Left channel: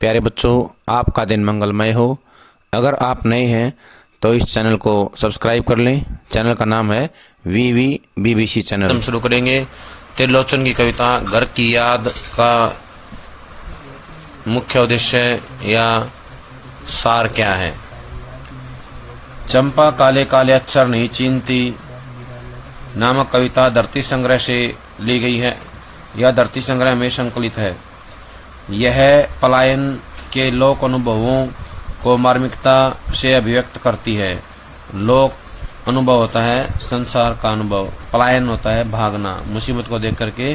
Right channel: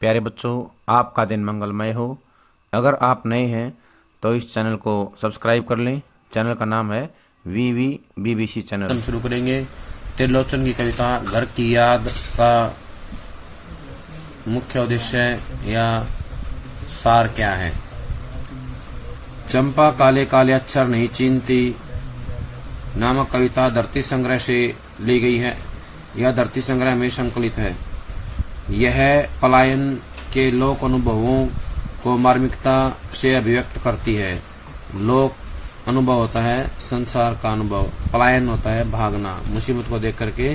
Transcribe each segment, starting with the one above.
प्यारे बच्चों, आपका दिन मंगलमय हो। अगर आप नए हैं तो इस चैनल को सब्सक्राइब कर लें। चैनल का नाम है वीवी बीबीसी चैनल। हम शुरू करेंगे त्रिलोचन की कविता घर की याद का मुख्य उद्देश्य या सार क्या है। चंपा काले काले अक्षर नहीं चीनती नामक कविता धरती संग्रह से ली गई है। यह धरती संग्रह में संकलित है। यह पलायन के लोक अनुभवों को मार्मिकता से अभिव्यक्त करती है। लोक अनुभव होता है संसार का अनुभव, पलायन होता है भागना, मुसीबत को देख करके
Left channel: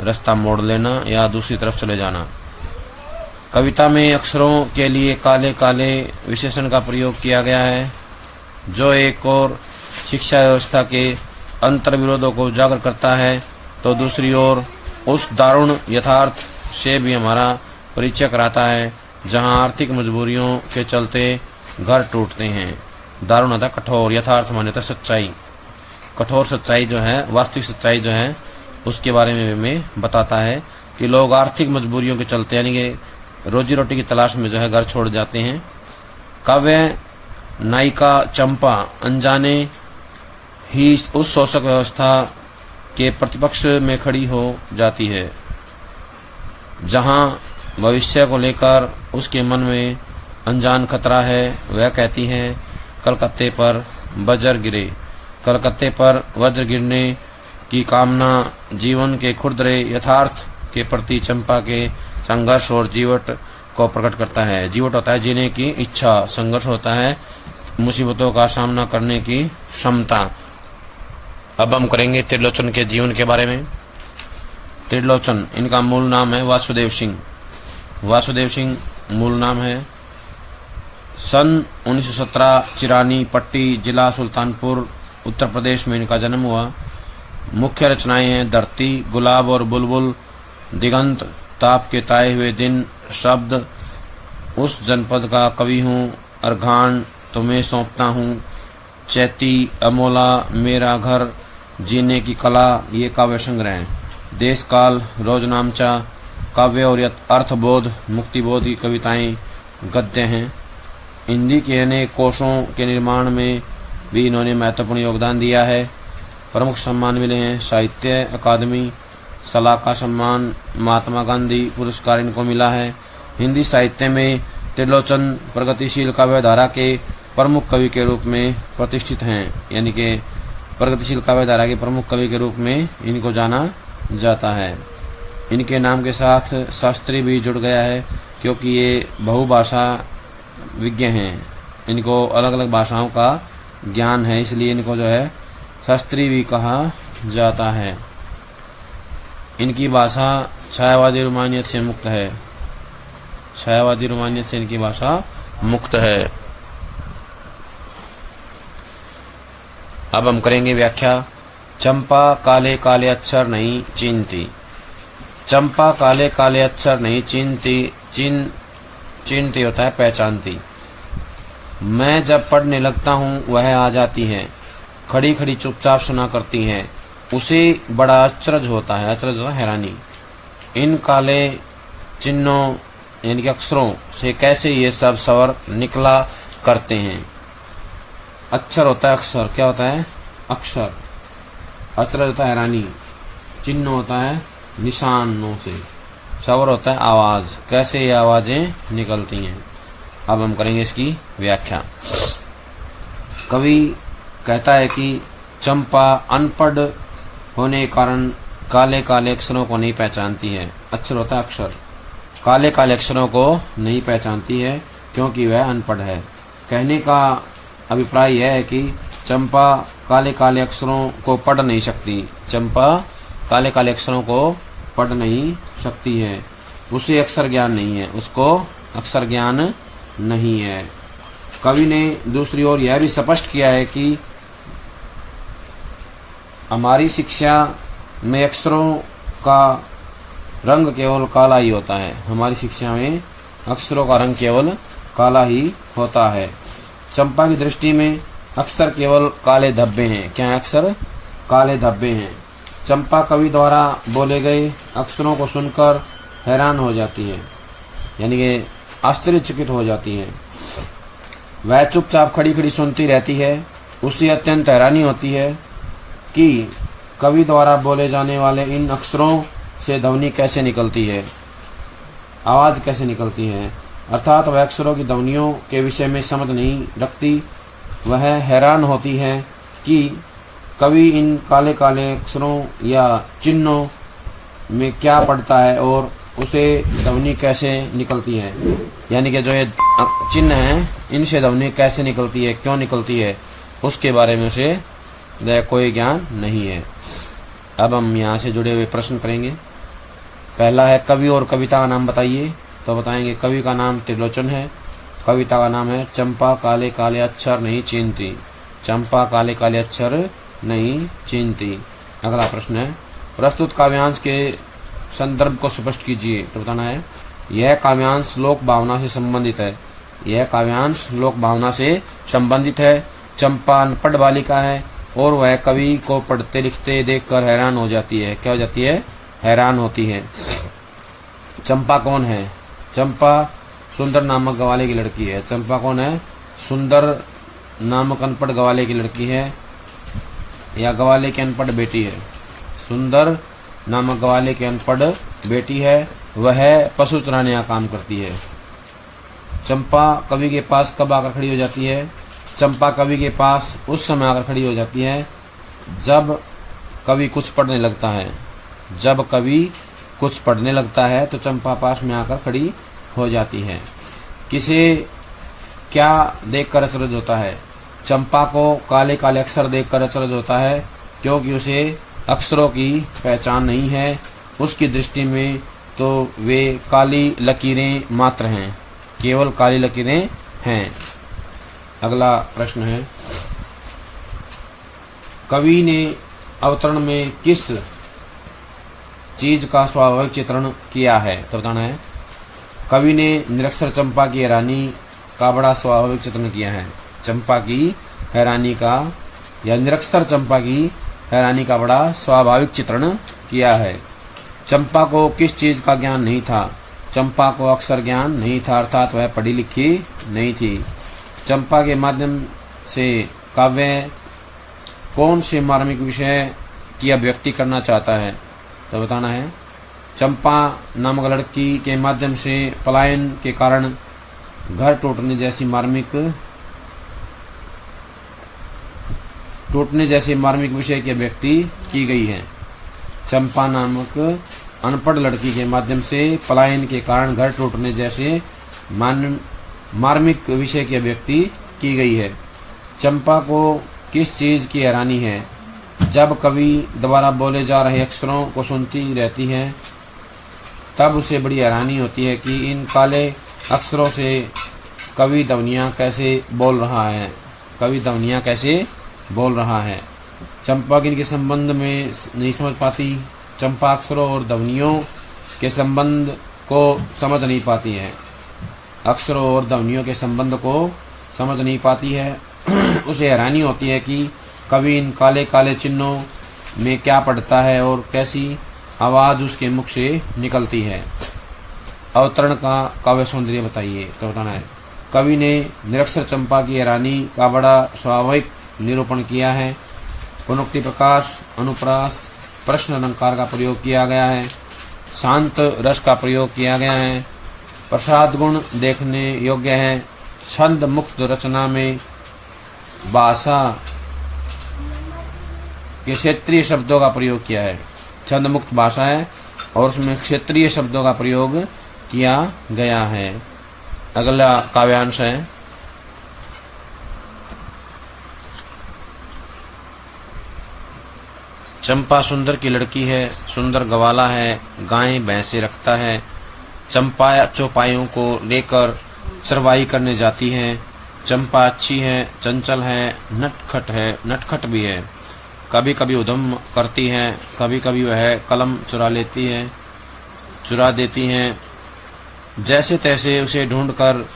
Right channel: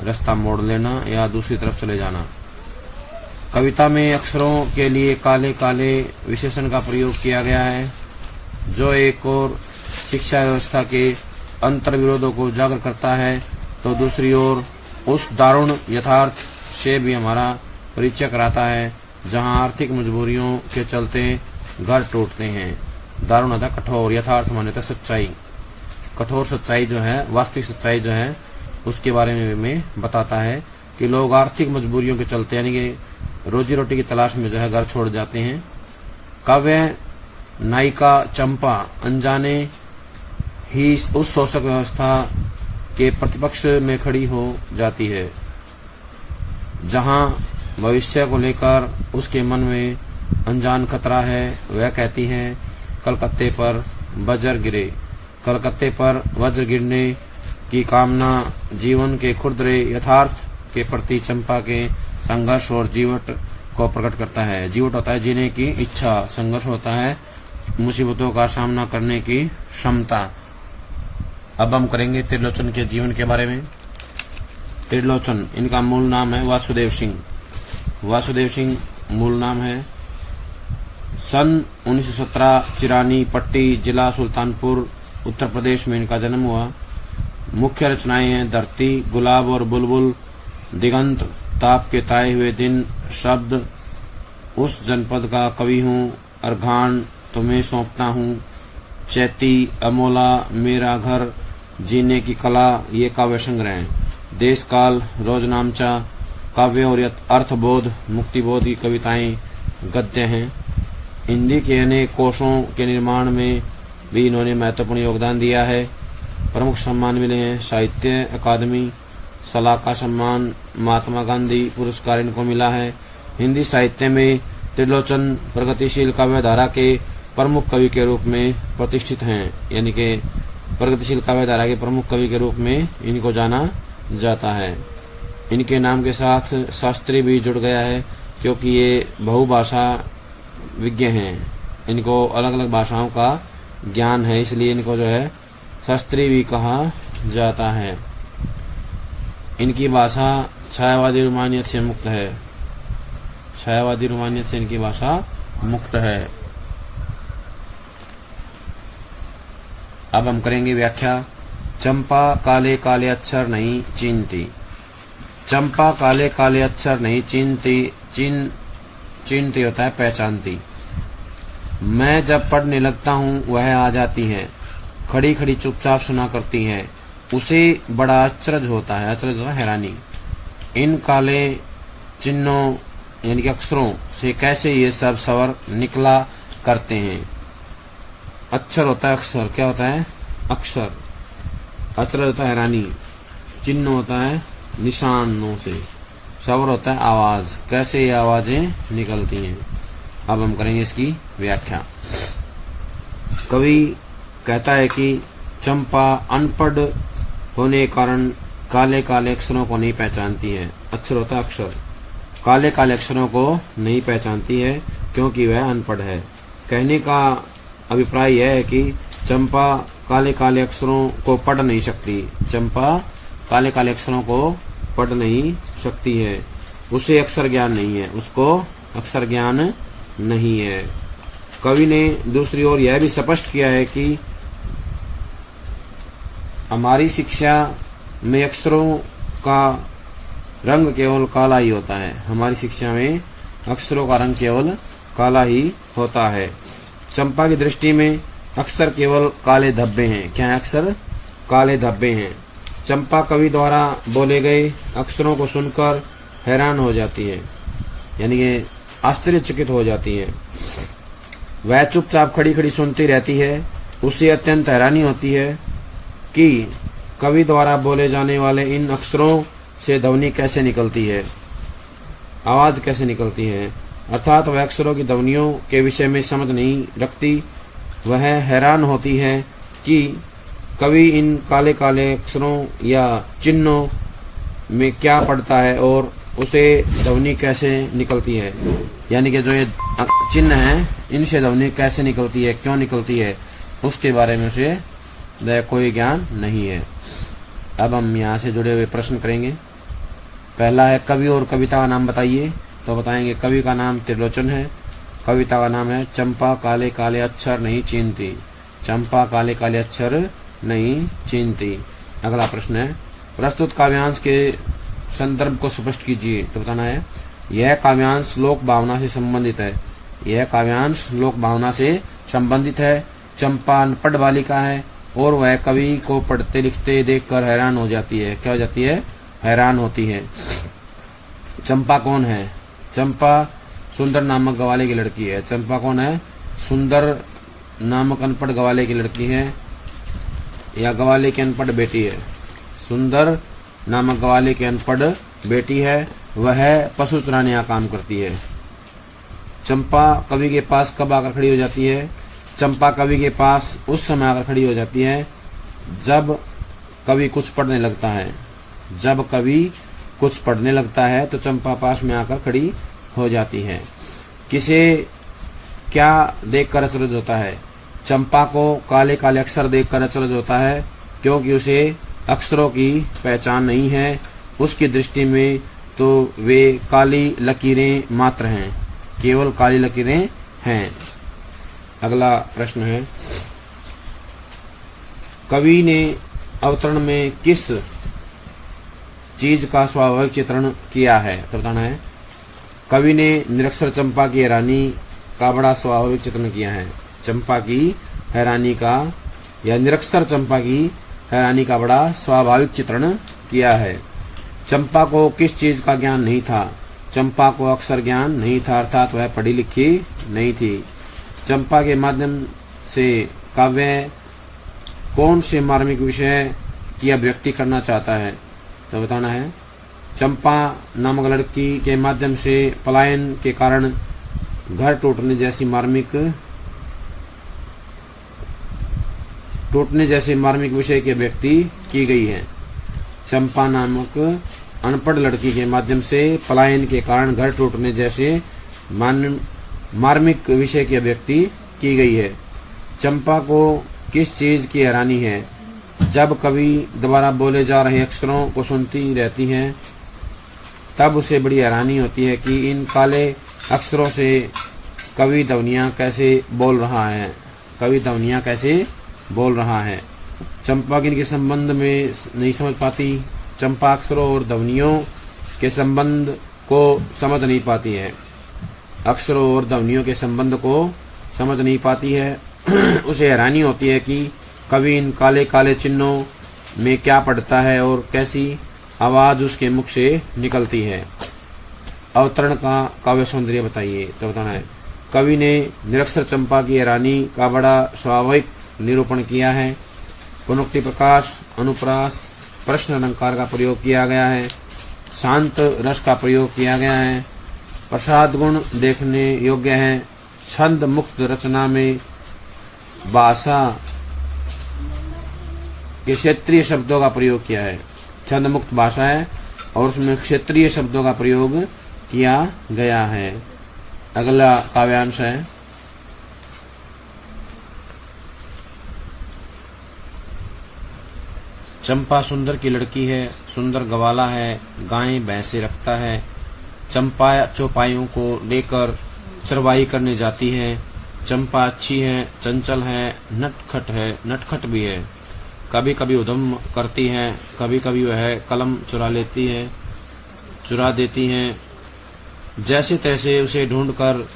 रास्ता मोड़ लेना या दूसरी तरफ चले जाना। कविता में अक्षरों के लिए काले काले विशेषण का प्रयोग किया गया है, जो एक और शिक्षा व्यवस्था के अंतर विरोधों को उजागर करता है तो दूसरी ओर उस दारुण यथार्थ से भी हमारा परिचय कराता है जहां आर्थिक मजबूरियों के चलते घर टूटते हैं। दारुण होता कठोर, यथार्थ माने तो सच्चाई, कठोर सच्चाई जो है, वास्तविक सच्चाई जो है उसके बारे में बताता है कि लोग आर्थिक मजबूरियों के चलते यानी कि रोजी रोटी की तलाश में जो है घर छोड़ जाते हैं। काव्य नायिका चंपा अनजाने ही उस शोषक व्यवस्था के प्रतिपक्ष में खड़ी हो जाती है जहां भविष्य को लेकर उसके मन में अनजान खतरा है। वह कहती है कलकत्ते पर वज्र गिरे। कलकत्ते पर वज्र गिरने की कामना जीवन के खुरदरे यथार्थ के प्रति चंपा के संघर्ष और जीवट को प्रकट करता है। जीवट होता है जीने की इच्छा, संघर्ष होता है मुसीबतों का सामना करने की क्षमता। अब हम करेंगे त्रिलोचन के जीवन के बारे में। त्रिलोचन इनका मूल नाम है वासुदेव सिंह। वासुदेव सिंह मूल नाम है। सन 1917 चिरानी पट्टी जिला सुल्तानपुर उत्तर प्रदेश में इनका जन्म हुआ। मुख्य रचनाएं हैं धरती, गुलाब और बुलबुल, दिगंत, ताप के ताए हुए दिन, शब्द, उस जनपद का कवि हूँ, अर्घाण, तुम्हें सौंपता हूँ, चैती, अमोला, मेरा घर, जीने की कला, ये काव्य संग्रह हैं। देश काल, रोजनामचा, काव्य और अर्थबोध, मुक्तिबोध की कविताएं गद्य हैं। हिंदी के अनेक कोशों के निर्माण में भी इन्होंने महत्वपूर्ण योगदान दिया है। प्रमुख सम्मान मिले हैं साहित्य अकादमी, सलाका सम्मान, महात्मा गांधी पुरस्कार इनको मिला है। हिंदी साहित्य में त्रिलोचन प्रगतिशील काव्य धारा के प्रमुख कवि के रूप में प्रतिष्ठित हैं, यानी कि प्रगतिशील काव्य धारा के प्रमुख कवि के रूप में इनको जाना जाता है। इनके नाम के साथ शास्त्री भी जुड़ गया है क्योंकि ये बहुभाषा विज्ञ हैं। इनको अलग अलग भाषाओं का ज्ञान है, इसलिए इनको जो है शास्त्री भी कहा जाता है। इनकी भाषा छायावादी रोमानियत से मुक्त है। छायावादी रोमानियत से इनकी भाषा मुक्त है। अब हम करेंगे व्याख्या। चंपा काले काले अक्षर नहीं चीनती। चंपा काले काले अक्षर नहीं चीनती। चीनती होता है पहचानती। मैं जब पढ़ने लगता हूँ वह आ जाती है, खड़ी खड़ी चुपचाप सुना करती है। उसे बड़ा अचरज होता है, अचरज होता है हैरानी। इन काले चिन्हों यानी कि अक्षरों से कैसे ये सब स्वर निकला करते हैं। अक्षर होता है अक्षर, क्या होता है अक्षर। अचरज होता है हैरानी, चिन्ह होता है निशानों से, स्वर होता है आवाज, कैसे ये आवाजें निकलती हैं। अब हम करेंगे इसकी व्याख्या। कवि कहता है कि चंपा अनपढ़ होने के कारण काले काले अक्षरों को नहीं पहचानती है। अक्षर होता है अक्षर, काले काले अक्षरों को नहीं पहचानती है क्योंकि वह अनपढ़ है। कहने का अभिप्राय यह है कि चंपा काले काले अक्षरों को पढ़ नहीं सकती। चंपा काले काले अक्षरों को पढ़ नहीं सकती है। उसे अक्षर ज्ञान नहीं है, उसको अक्षर ज्ञान नहीं है। कवि ने दूसरी ओर यह भी स्पष्ट किया है कि हमारी शिक्षा में अक्षरों का रंग केवल काला ही होता है। हमारी शिक्षा में अक्षरों का रंग केवल काला ही होता है। चंपा की दृष्टि में अक्षर केवल काले धब्बे हैं। क्या है अक्षर? काले धब्बे हैं। चंपा कवि द्वारा बोले गए अक्षरों को सुनकर हैरान हो जाती है। यानी कि आश्चर्यचकित हो जाती है। वह चुपचाप खड़ी खड़ी सुनती रहती है। उसे अत्यंत हैरानी होती है कि कवि द्वारा बोले जाने वाले इन अक्षरों से ध्वनि कैसे निकलती है, आवाज कैसे निकलती है, अर्थात वह अक्षरों की ध्वनियों के विषय में समझ नहीं रखती। वह हैरान होती है कि कवि इन काले काले अक्षरों या चिन्हों में क्या पढ़ता है और उसे ध्वनि कैसे निकलती है, यानी कि जो ये चिन्ह है इनसे ध्वनि कैसे निकलती है, क्यों निकलती है, उसके बारे में उसे कोई ज्ञान नहीं है। अब हम यहाँ से जुड़े हुए प्रश्न करेंगे। पहला है कवि और कविता का नाम बताइए। तो बताएंगे कवि का नाम त्रिलोचन है, कविता का नाम है चंपा काले काले अक्षर नहीं चीनती। चंपा काले काले अक्षर नहीं चीनती। अगला प्रश्न है प्रस्तुत काव्यांश के संदर्भ को स्पष्ट कीजिए। तो बताना है यह काव्यांश लोक भावना से संबंधित है। यह काव्यांश लोक भावना से संबंधित है। चंपा अनपढ़ बालिका है और वह कवि को पढ़ते लिखते देखकर हैरान हो जाती है। क्या हो जाती है? हैरान होती है। चंपा कौन है? चंपा सुंदर नामक गवाले की लड़की है। चंपा कौन है? सुंदर नामक अनपढ़ गवाले की लड़की है या गवाले की अनपढ़ बेटी है। सुंदर नामक गवाले की अनपढ़ बेटी है। वह पशु चराने का काम करती है। चंपा कवि के पास कब आकर खड़ी हो जाती है? चंपा कवि के पास उस समय आकर खड़ी हो जाती है जब कवि कुछ पढ़ने लगता है। जब कवि कुछ पढ़ने लगता है तो चंपा पास में आकर खड़ी हो जाती है। किसे क्या देखकर अचरज होता है? चंपा को काले काले अक्षर देखकर अचरज होता है क्योंकि उसे अक्षरों की पहचान नहीं है। उसकी दृष्टि में तो वे काली लकीरें मात्र हैं, केवल काली लकीरें हैं। अगला प्रश्न है कवि ने अवतरण में किस चीज का स्वाभाविक चित्रण किया है? तो बताना है कवि ने निरक्षर चंपा की हैरानी का बड़ा स्वाभाविक चित्रण किया है। चंपा की हैरानी का या निरक्षर चंपा की हैरानी का बड़ा स्वाभाविक चित्रण किया है। चंपा को किस चीज का ज्ञान नहीं था? चंपा को अक्षर ज्ञान नहीं था, अर्थात वह पढ़ी लिखी नहीं थी। चंपा के माध्यम से काव्य कौन से मार्मिक विषय की अभिव्यक्ति करना चाहता है? तो बताना है चंपा नामक लड़की के माध्यम से पलायन के कारण घर टूटने जैसी मार्मिक विषय की अभिव्यक्ति की गई है। चंपा नामक अनपढ़ लड़की के माध्यम से पलायन के कारण घर टूटने जैसे मार्मिक विषय की अभिव्यक्ति की गई है। चंपा को किस चीज की हैरानी है? जब कवि द्वारा बोले जा रहे अक्षरों को सुनती रहती है तब उसे बड़ी हैरानी होती है कि इन काले अक्षरों से कवि ध्वनियां कैसे बोल रहा है। कवि ध्वनियां कैसे बोल रहा है। चंपा किनके संबंध में नहीं समझ पाती? चंपा अक्षरों और ध्वनियों के संबंध को समझ नहीं पाती है। अक्षरों और ध्वनियों के संबंध को समझ नहीं पाती है। उसे हैरानी होती है कि कवि इन काले काले चिन्हों में क्या पढ़ता है और कैसी आवाज उसके मुख से निकलती है। अवतरण का काव्य सौंदर्य बताइए। तो बताना है कवि ने निरक्षर चंपा की हैरानी का बड़ा स्वाभाविक निरूपण किया है। पुनोक्ति प्रकाश, अनुप्रास, प्रश्न अलंकार का प्रयोग किया गया है। शांत रस का प्रयोग किया गया है। प्रसाद गुण देखने योग्य है। छंद मुक्त रचना में भाषा के क्षेत्रीय शब्दों का प्रयोग किया है। छंद मुक्त भाषा है और उसमें क्षेत्रीय शब्दों का प्रयोग किया गया है। अगला काव्यांश है चंपा सुंदर की लड़की है, सुंदर गवाला है, गाय भैंसे रखता है। चंपा चौपाइयों को लेकर चरवाही करने जाती है। चंपा अच्छी है, चंचल है, नटखट भी है। कभी कभी उद्यम करती है, कभी कभी वह कलम चुरा देती है। जैसे तैसे उसे ढूंढकर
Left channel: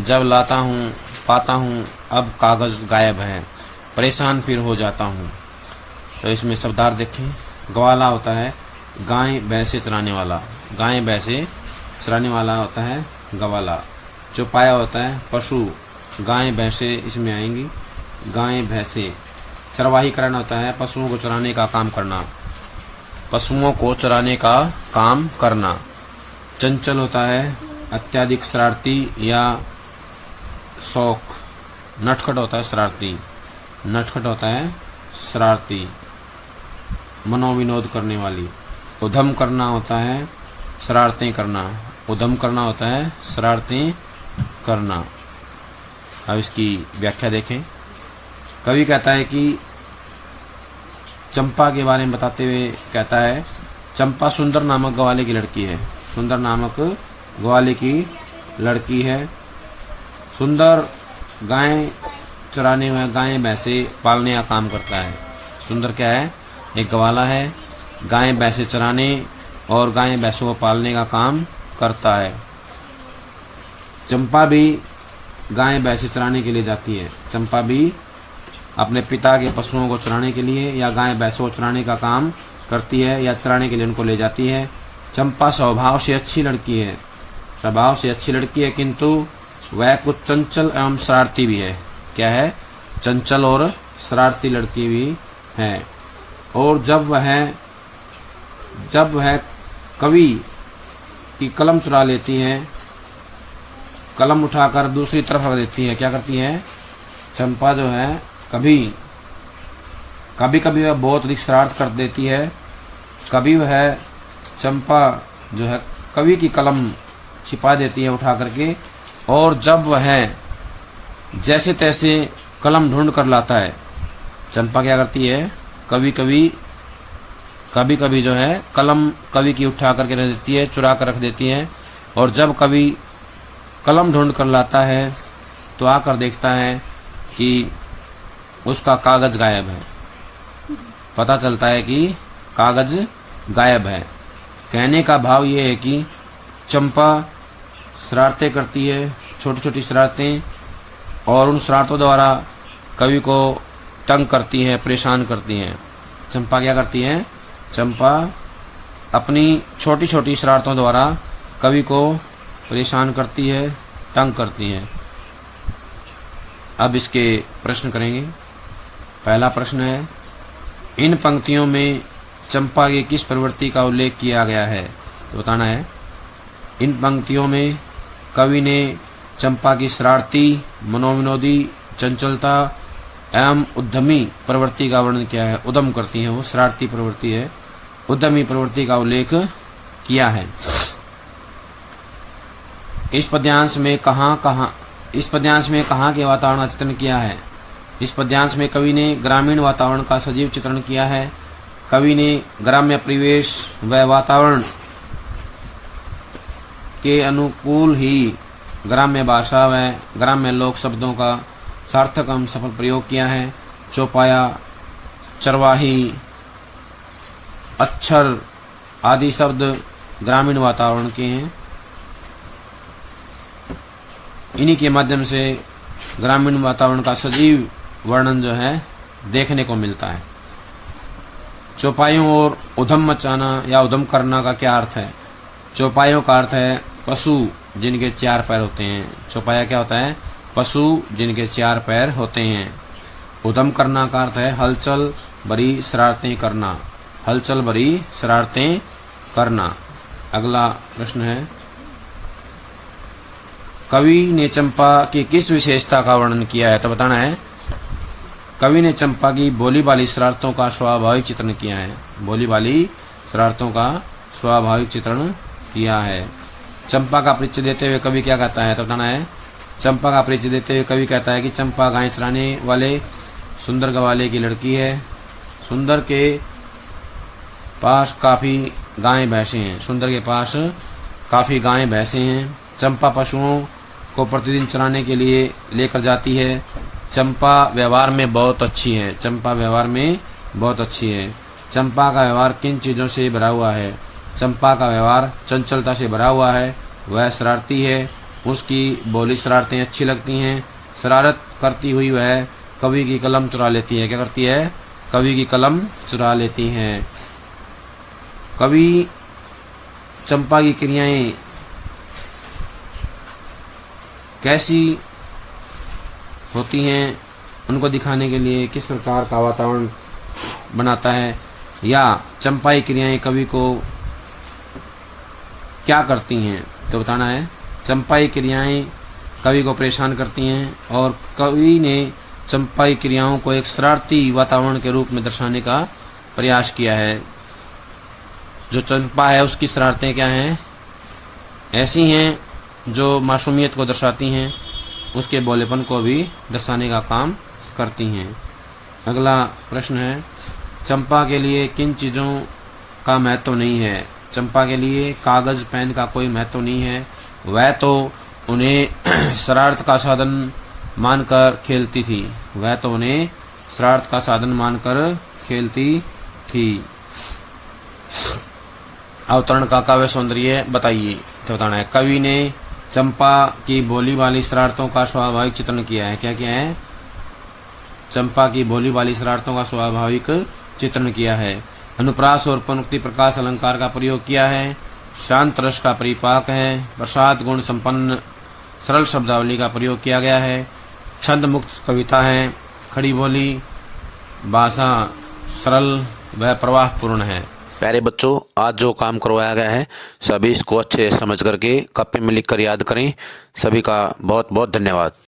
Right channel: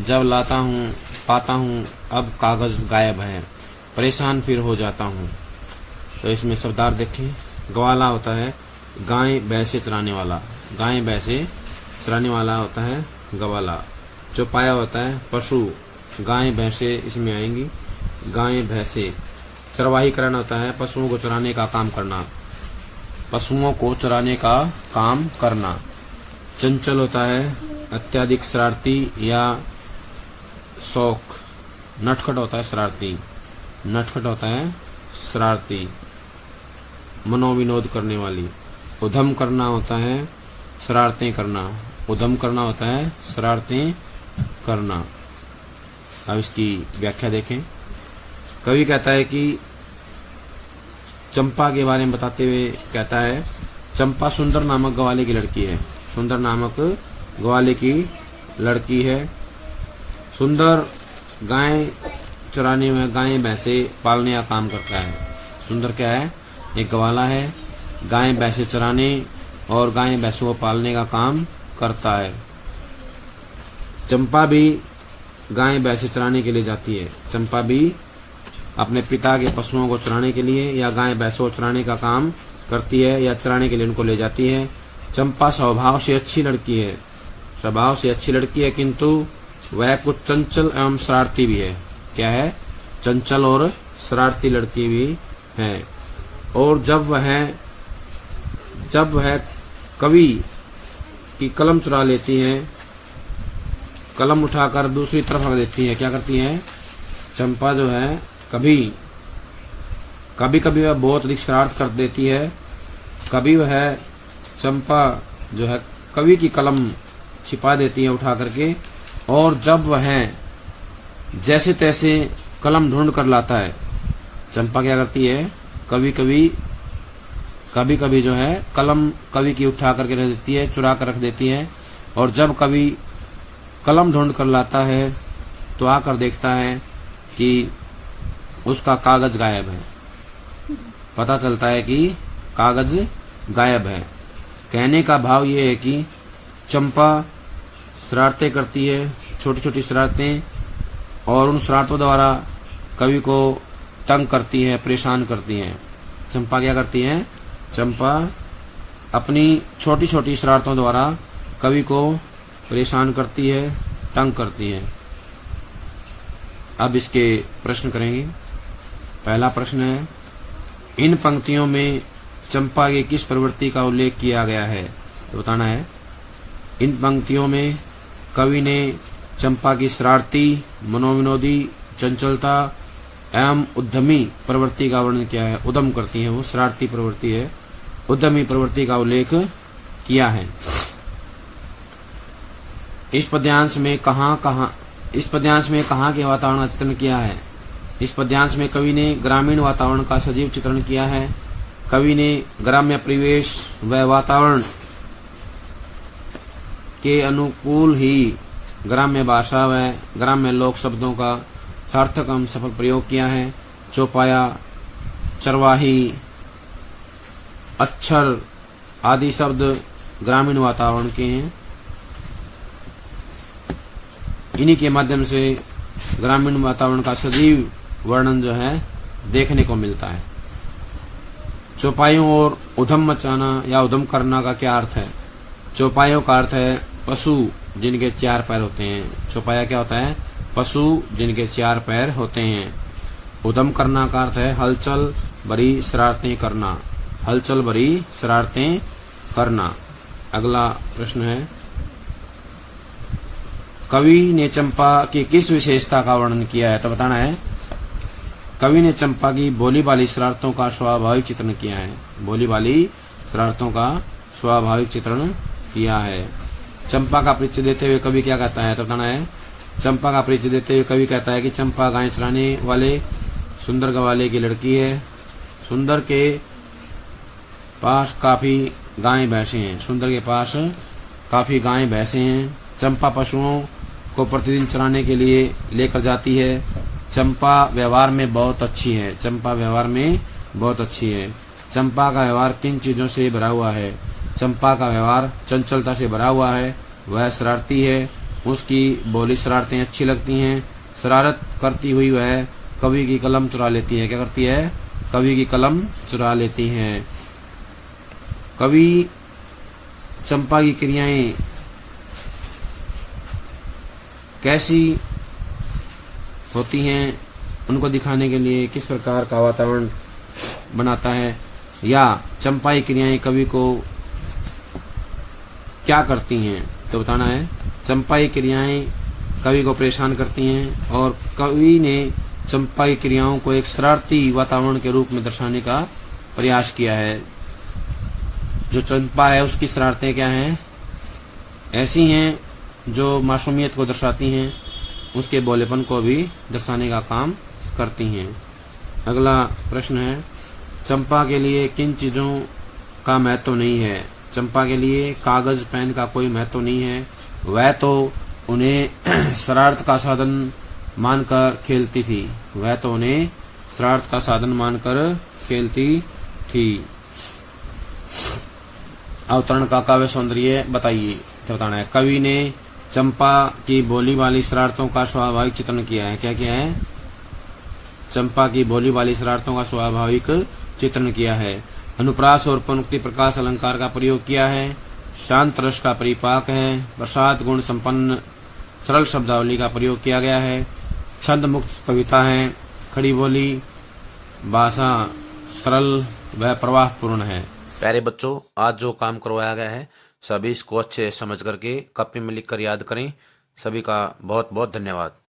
जब लाता हूँ पाता हूँ अब कागज गायब है, परेशान फिर हो जाता हूँ। तो इसमें शब्दार्थ देखें। ग्वाला होता है गाय भैंसे चराने वाला, गाय भैंसे चराने वाला होता है गवाला। चौपाया होता है पशु, गाय भैंसे इसमें आएंगी, गाय भैंसे। चरवाहीकरण होता है पशुओं को चराने का काम करना, पशुओं को चराने का काम करना। चंचल होता है अत्यधिक शरारती या शौक। नटखट होता है शरारती, नटखट होता है शरारती, मनोविनोद करने वाली। उधम करना होता है शरारतें करना, उधम करना होता है शरारतें करना। अब इसकी व्याख्या देखें। कवि कहता है कि चंपा के बारे में बताते हुए कहता है, चंपा सुंदर नामक ग्वाले की लड़की है। सुंदर नामक ग्वाले की लड़की है। सुंदर गाय चराने में, गाय भैंसे पालने का काम करता है। सुंदर क्या है? एक ग्वाला है, गाय भैंसे चराने और गाय भैंसों को पालने का काम करता है। चंपा भी गाय भैंसे चराने के लिए जाती है। चंपा भी अपने पिता के पशुओं को चराने के लिए या गाय भैंसों को चराने का काम करती है या चराने के लिए उनको ले जाती है। चंपा स्वभाव से अच्छी लड़की है, स्वभाव से अच्छी लड़की है, किंतु वह कुछ चंचल एवं शरारती भी है। क्या है? चंचल और शरारती लड़की भी है। और जब वह कवि की कलम चुरा लेती है, कलम उठाकर दूसरी तरफ रख देती है, क्या करती है? चंपा जो है कभी कभी वह बहुत अधिक शरारत कर देती है। कभी वह चंपा जो है कवि की कलम छिपा देती है उठा करके, और जब वह जैसे तैसे कलम ढूंढ कर लाता है, चंपा क्या करती है? कभी कभी जो है कलम कवि की उठा करके रख देती है, चुरा कर रख देती है, और जब कवि कलम ढूंढ कर लाता है तो आकर देखता है कि उसका कागज गायब है। पता चलता है कि कागज गायब है। कहने का भाव ये है कि चंपा शरारतें करती है, छोटी छोटी शरारतें, और उन शरारतों द्वारा कवि को तंग करती है, परेशान करती है। चंपा क्या करती है? चंपा अपनी छोटी छोटी शरारतों द्वारा कवि को परेशान करती है, तंग करती है। अब इसके प्रश्न करेंगे। पहला प्रश्न है, इन पंक्तियों में चंपा की किस प्रवृत्ति का उल्लेख किया गया है? तो बताना है। इन पंक्तियों में कवि ने चंपा की शरारती, मनोविनोदी, चंचलता एवं उद्यमी प्रवृत्ति का वर्णन किया है। उद्यम करती है, वो शरारती प्रवृत्ति है, उद्यमी प्रवृत्ति का उल्लेख किया है। इस पद्यांश में कहाँ के वातावरण का चित्रण किया है? इस पद्यांश में कवि ने ग्रामीण वातावरण का सजीव चित्रण किया है। कवि ने ग्राम्य परिवेश व वातावरण के अनुकूल ही ग्राम्य भाषा व ग्राम्य लोक शब्दों का सार्थक एवं सफल प्रयोग किया है। चौपाया, चरवाही, अक्षर आदि शब्द ग्रामीण वातावरण के हैं। इन्हीं के माध्यम से ग्रामीण वातावरण का सजीव वर्णन जो है देखने को मिलता है। चौपाइयों और उधम मचाना या उधम करना का क्या अर्थ है? चौपाइयों का अर्थ है पशु जिनके 4 पैर होते हैं। चौपाया क्या होता है? पशु जिनके 4 पैर होते हैं। उधम करना का अर्थ है हलचल भरी शरारतें करना, हलचल भरी शरारतें करना। अगला प्रश्न है, कवि ने चंपा की किस विशेषता का वर्णन किया है? तो बताना है। कवि ने चंपा की भोली भाली शरारतों का स्वाभाविक चित्रण किया है। भोली भाली शरारतों का स्वाभाविक चित्रण किया है। चंपा का परिचय देते हुए कवि क्या कहता है? तो बताना है। चंपा का परिचय देते हुए कवि कहता है कि चंपा गाय चराने वाले सुंदर ग्वाले की लड़की है। सुंदर के पास काफी गाय भैंसे हैं। सुंदर के पास काफी गाय भैंसे हैं। चंपा पशुओं को प्रतिदिन चराने के लिए लेकर जाती है। चंपा व्यवहार में बहुत अच्छी है। चंपा व्यवहार में बहुत अच्छी है। चंपा का व्यवहार किन चीजों से भरा हुआ है? चंपा का व्यवहार चंचलता से भरा हुआ है। वह शरारती है। उसकी बोली शरारतें अच्छी लगती हैं। शरारत करती हुई वह कवि की कलम चुरा लेती है। क्या करती है? कवि की कलम चुरा लेती है। कवि चंपा की क्रियाएं कैसी होती हैं उनको दिखाने के लिए किस प्रकार का वातावरण बनाता है, या चंपाई क्रियाएं कवि को क्या करती हैं, तो बताना है चंपाई क्रियाएं कवि को परेशान करती हैं और कवि ने चंपाई क्रियाओं को एक शरारती वातावरण के रूप में दर्शाने का प्रयास किया है। जो चंपा है उसकी शरारतें क्या हैं, ऐसी हैं जो मासूमियत को दर्शाती हैं, उसके भोलेपन को भी दर्शाने का काम करती हैं। अगला प्रश्न है, चंपा के लिए किन चीजों का महत्व नहीं है। चंपा के लिए कागज पेन का कोई महत्व नहीं है, वह तो उन्हें शरारत का साधन मानकर खेलती थी, वह तो उन्हें शरारत का साधन मानकर खेलती थी। अवतरण का काव्य सौंदर्य बताइए, तो बताना है कवि ने चंपा की बोली वाली शरारतों का स्वाभाविक चित्रण किया है। क्या किया है, चंपा की बोली वाली शरारतों का स्वाभाविक चित्रण किया है। अनुप्रास और पुनरुक्ति प्रकाश अलंकार का प्रयोग किया है। शांत रस का परिपाक है। प्रसाद गुण संपन्न सरल शब्दावली का प्रयोग किया गया है। छंद मुक्त कविता है। खड़ी बोली, भाषा सरल व प्रवाह पूर्ण है। प्यारे बच्चों, आज जो काम करवाया गया है सभी इसको अच्छे समझ करके कॉपी में लिख कर याद करें। सभी का बहुत बहुत धन्यवाद।